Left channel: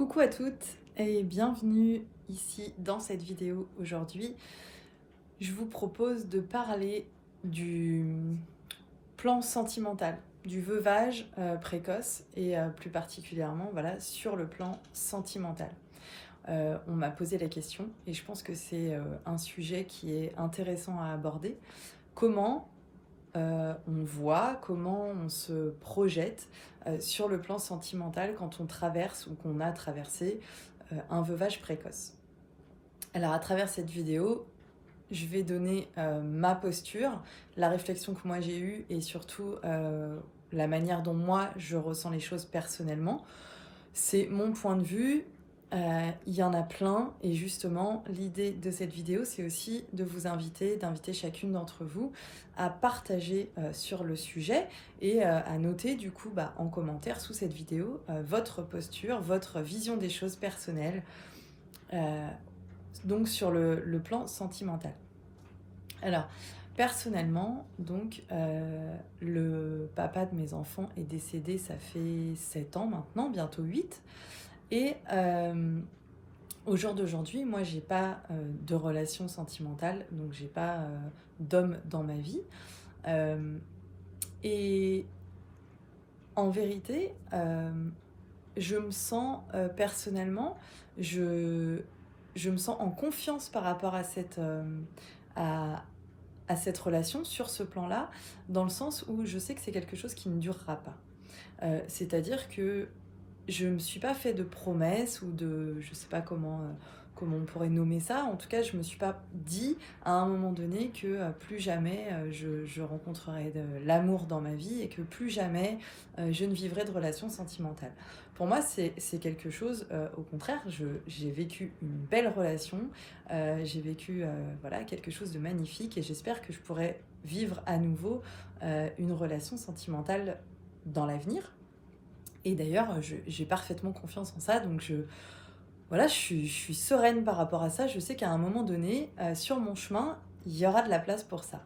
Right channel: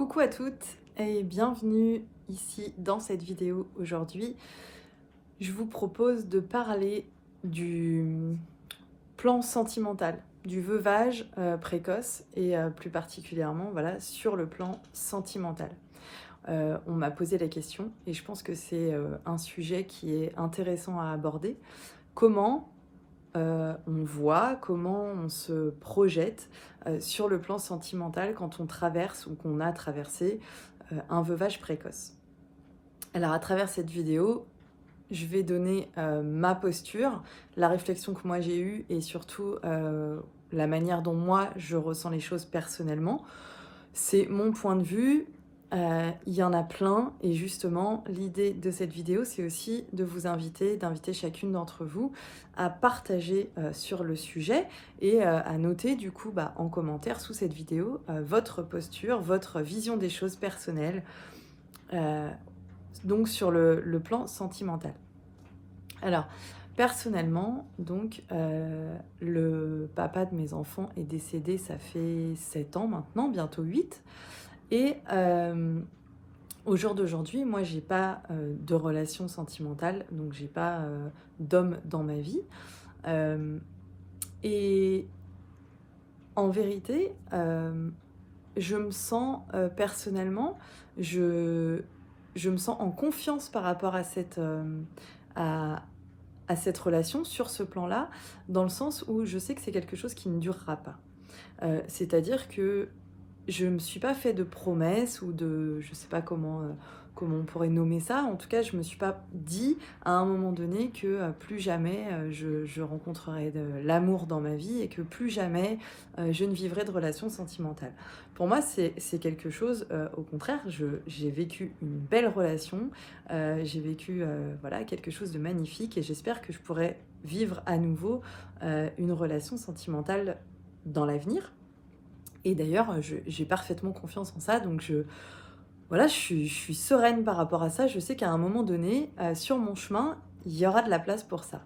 Coucou à toutes et bienvenue ici dans cette vidéo. Aujourd'hui, je vous propose de parler du plan sentimental, du veuvage précoce et plus particulièrement voilà, sur le plan sentimental. On m'a posé la question et je pense que c'est un sujet qui est intéressant à aborder. Comment on voit, comment on se projette sur le plan sentimental quand on traverse ou qu'on a traversé un veuvage précoce. Alors à travers cette vidéo, je vais donner ma posture, la réflexion que moi j'ai eue et surtout la manière dont moi je ressens les choses personnellement. C'est mon point de vue, il y en a plein et justement l'idée de cette vidéo c'est aussi de vous d'inviter chacune d'entre vous à partager sur le sujet et à noter du coup en commentaire sous cette vidéo votre posture, votre vision des choses personnelles donc sur le plan sentimental. Alors personnellement donc le papa de mes enfants est décédé, ça fait 7 ans maintenant, bientôt 8. Et au jour d'aujourd'hui, moi, j'ai pas de relation sentimentale, donc j'ai pas d'homme dans ma vie. Et en vérité, je me sens personnellement, je me sens en confiance par rapport à cette relation sur ce plan-là, dans le sens où je sais que c'est quelque chose qui ne durera pas. C'est-à-dire que je ne me suis pas fait de promesses ou de, je sais pas comment on pourrait nommer ça. En tout cas, je me suis pas dit à un moment donné que plus jamais je rencontrerai de l'amour dans ma vie et que plus jamais je ne vivrai de relations sentimentales. Pour moi, c'est quelque chose, au contraire, j'ai vécu une belle relation, j'ai vécu voilà, quelque chose de magnifique et j'espère que je pourrai vivre à nouveau une relation sentimentale dans l'avenir. Et d'ailleurs, j'ai parfaitement confiance en ça, donc voilà, je suis sereine par rapport à ça. Je sais qu'à un moment donné, sur mon chemin, il y aura de la place pour ça.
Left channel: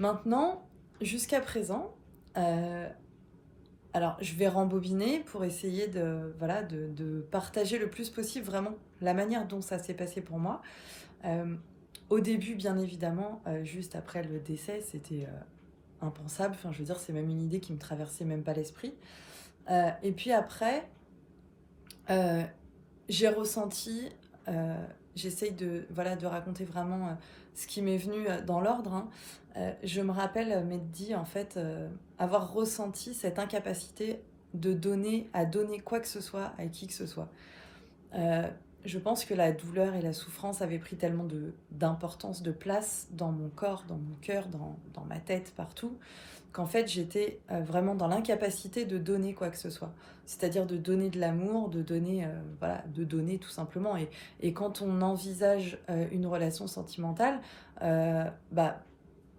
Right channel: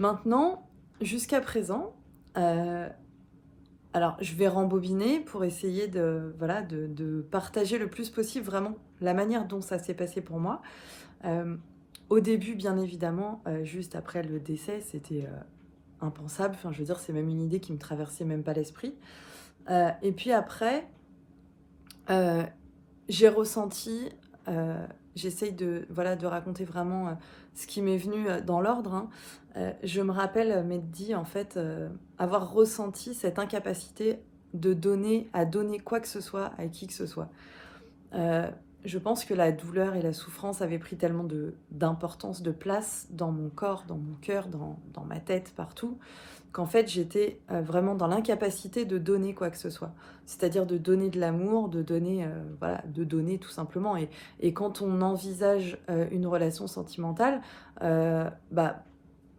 Maintenant, jusqu'à présent, alors je vais rembobiner pour essayer de partager le plus possible vraiment la manière dont ça s'est passé pour moi. Au début, bien évidemment, juste après le décès, c'était impensable. Enfin, je veux dire, c'est même une idée qui me traversait même pas l'esprit. Et puis après, j'ai ressenti, j'essaye de raconter vraiment ce qui m'est venu dans l'ordre. Hein. Je me rappelle m'être dit, en fait, avoir ressenti cette incapacité de donner quoi que ce soit à qui que ce soit. Je pense que la douleur et la souffrance avaient pris tellement d'importance, de place dans mon corps, dans mon cœur, dans ma tête, partout, qu'en fait j'étais vraiment dans l'incapacité de donner quoi que ce soit. C'est-à-dire de donner de l'amour, de donner tout simplement. Et quand on envisage une relation sentimentale,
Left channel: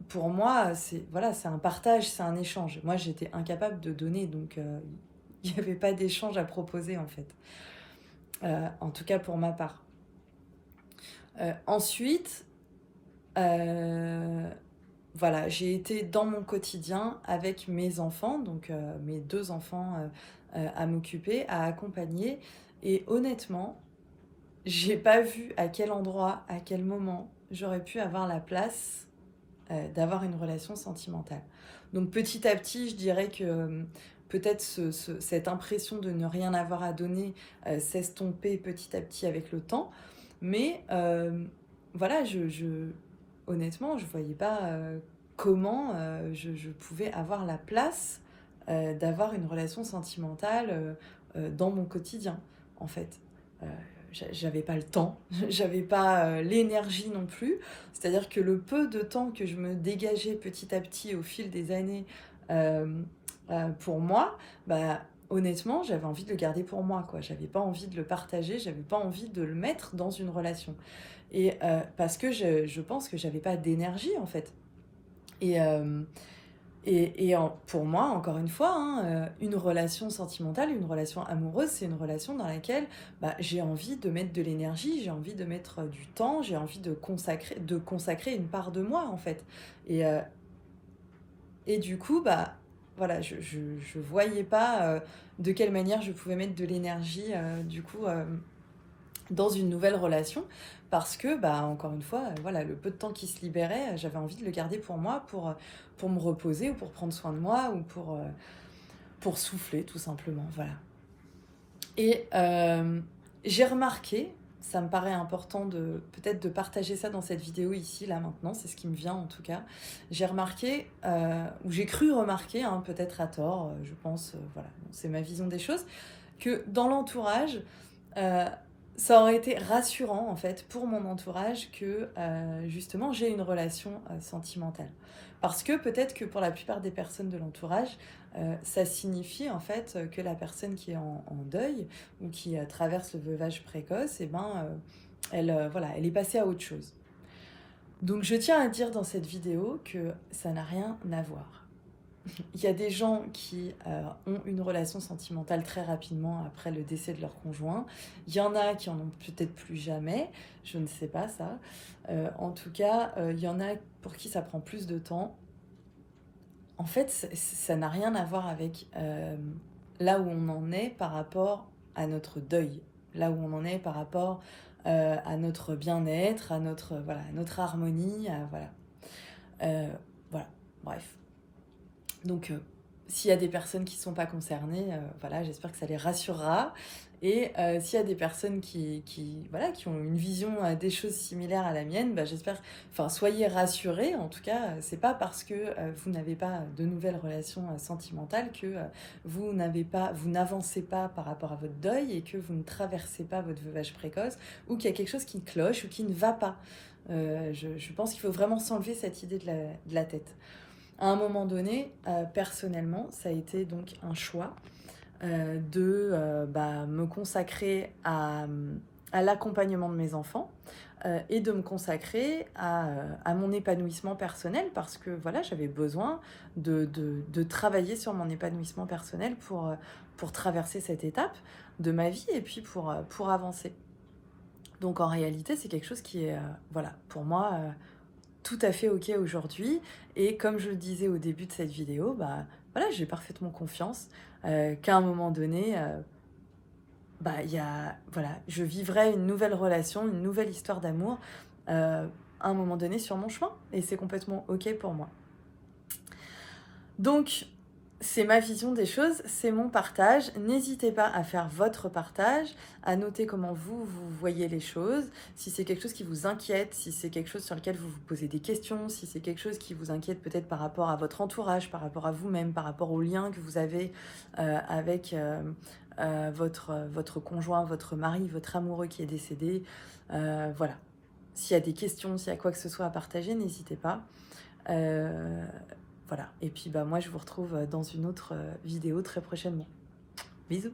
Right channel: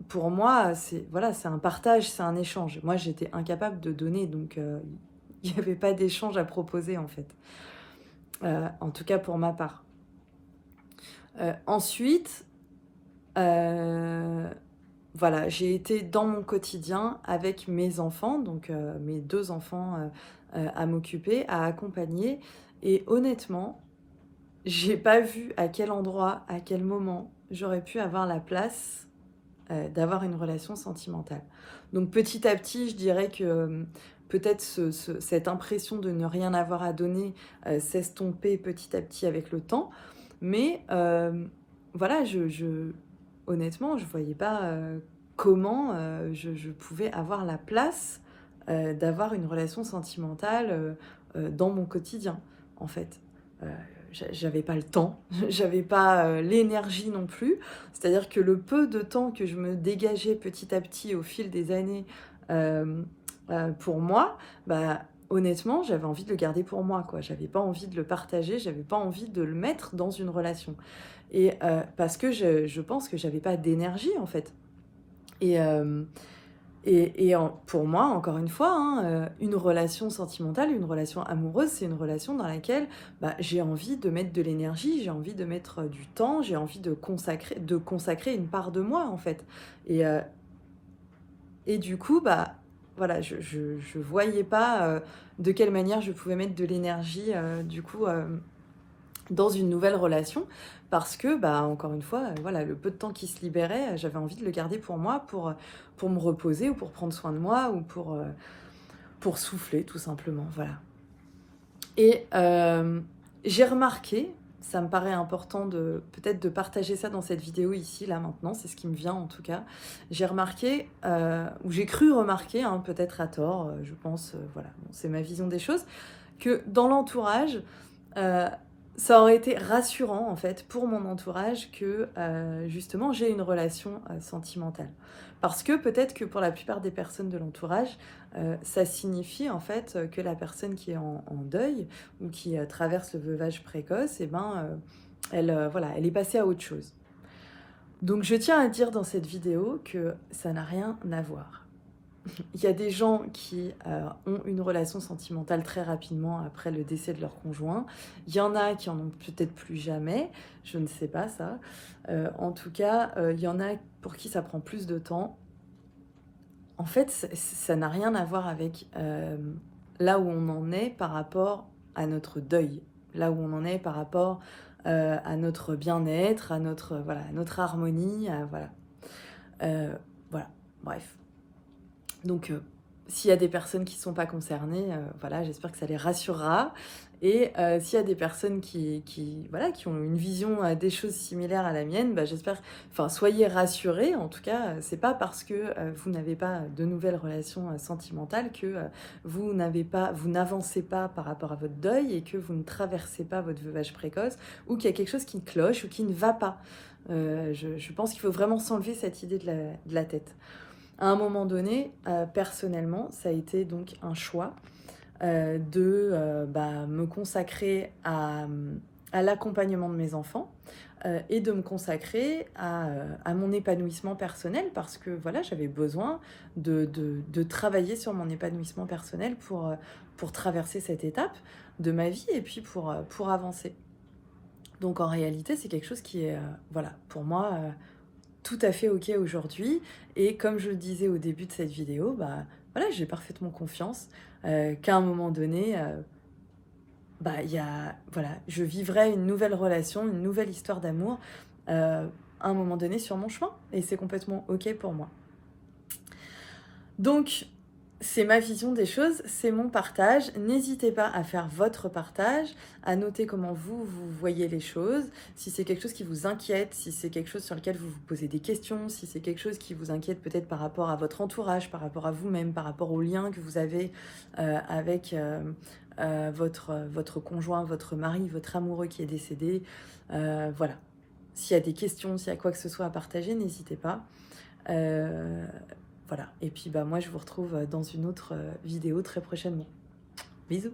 pour moi, c'est un partage, c'est un échange. Moi, j'étais incapable de donner, donc il n'y avait pas d'échange à proposer en fait. En tout cas pour ma part. Ensuite, voilà, j'ai été dans mon quotidien avec mes enfants, donc mes 2 enfants à m'occuper, à accompagner. Et honnêtement, j'ai pas vu à quel endroit, à quel moment j'aurais pu avoir la place d'avoir une relation sentimentale. Donc petit à petit, je dirais que peut-être cette impression de ne rien avoir à donner s'estomper petit à petit avec le temps. Mais voilà, honnêtement, je voyais pas comment je pouvais avoir la place d'avoir une relation sentimentale dans mon quotidien, en fait. J'avais pas le temps, j'avais pas l'énergie non plus. C'est-à-dire que le peu de temps que je me dégageais petit à petit au fil des années pour moi, honnêtement, j'avais envie de le garder pour moi, quoi. J'avais pas envie de le partager, j'avais pas envie de le mettre dans une relation. Et parce que je pense que j'avais pas d'énergie, en fait. Et pour moi, encore une fois, hein, une relation sentimentale, une relation amoureuse, c'est une relation dans laquelle j'ai envie de mettre de l'énergie, j'ai envie de mettre du temps, j'ai envie de consacrer une part de moi, en fait. Et du coup, voilà, je voyais pas de quelle manière je pouvais mettre de l'énergie, du coup, dans une nouvelle relation. Parce que, bah, encore une fois, voilà, le peu de temps qui se libérait, j'avais envie de le garder pour moi, pour me reposer ou pour prendre soin de moi ou pour souffler, tout simplement. Voilà. Et j'ai remarqué, ça me paraît important de peut-être de partager ça dans cette vidéo ici, là, maintenant, c'est ce qui me vient en tout cas. J'ai remarqué, ou j'ai cru remarquer, hein, peut-être à tort, je pense, voilà, c'est ma vision des choses, que dans l'entourage, euh, ça aurait été rassurant en fait pour mon entourage que justement j'ai une relation sentimentale. Parce que peut-être que pour la plupart des personnes de l'entourage, ça signifie en fait que la personne qui est en deuil ou qui traverse le veuvage précoce, eh ben, voilà, elle est passée à autre chose. Donc je tiens à dire dans cette vidéo que ça n'a rien à voir. Il y a des gens qui ont une relation sentimentale très rapidement après le décès de leur conjoint. Il y en a qui en ont peut-être plus jamais, je ne sais pas ça. En tout cas, il y en a pour qui ça prend plus de temps. En fait, ça n'a rien à voir avec là où on en est par rapport à notre deuil, là où on en est par rapport à notre bien-être, à notre, voilà, à notre harmonie, voilà. Voilà, bref. Donc, s'il y a des personnes qui ne sont pas concernées, voilà, j'espère que ça les rassurera. Et s'il y a des personnes voilà, qui ont une vision des choses similaires à la mienne, bah, j'espère, enfin, soyez rassurés. En tout cas, c'est pas parce que vous n'avez pas de nouvelles relations sentimentales que vous n'avancez pas par rapport à votre deuil et que vous ne traversez pas votre veuvage précoce ou qu'il y a quelque chose qui cloche ou qui ne va pas. Je pense qu'il faut vraiment s'enlever cette idée de la tête. À un moment donné, personnellement, ça a été donc un choix de me consacrer à l'accompagnement de mes enfants et de me consacrer à mon épanouissement personnel parce que voilà, j'avais besoin de travailler sur mon épanouissement personnel pour traverser cette étape de ma vie et puis pour avancer. Donc en réalité, c'est quelque chose qui est, voilà, pour moi, tout à fait ok aujourd'hui. Et comme je le disais au début de cette vidéo, bah voilà, j'ai parfaitement confiance qu'à un moment donné, voilà, je vivrai une nouvelle relation, une nouvelle histoire d'amour à un moment donné sur mon chemin. Et c'est complètement ok pour moi. Donc, c'est ma vision des choses, c'est mon partage. N'hésitez pas à faire votre partage, à noter comment vous voyez les choses, si c'est quelque chose qui vous inquiète, si c'est quelque chose sur lequel vous vous posez des questions, si c'est quelque chose qui vous inquiète peut-être par rapport à votre entourage, par rapport à vous-même, par rapport aux liens que vous avez avec votre conjoint, votre mari, votre amoureux qui est décédé. Voilà. S'il y a des questions, s'il y a quoi que ce soit à partager, n'hésitez pas. Voilà, et puis bah moi je vous retrouve dans une autre vidéo très prochainement. Bisous.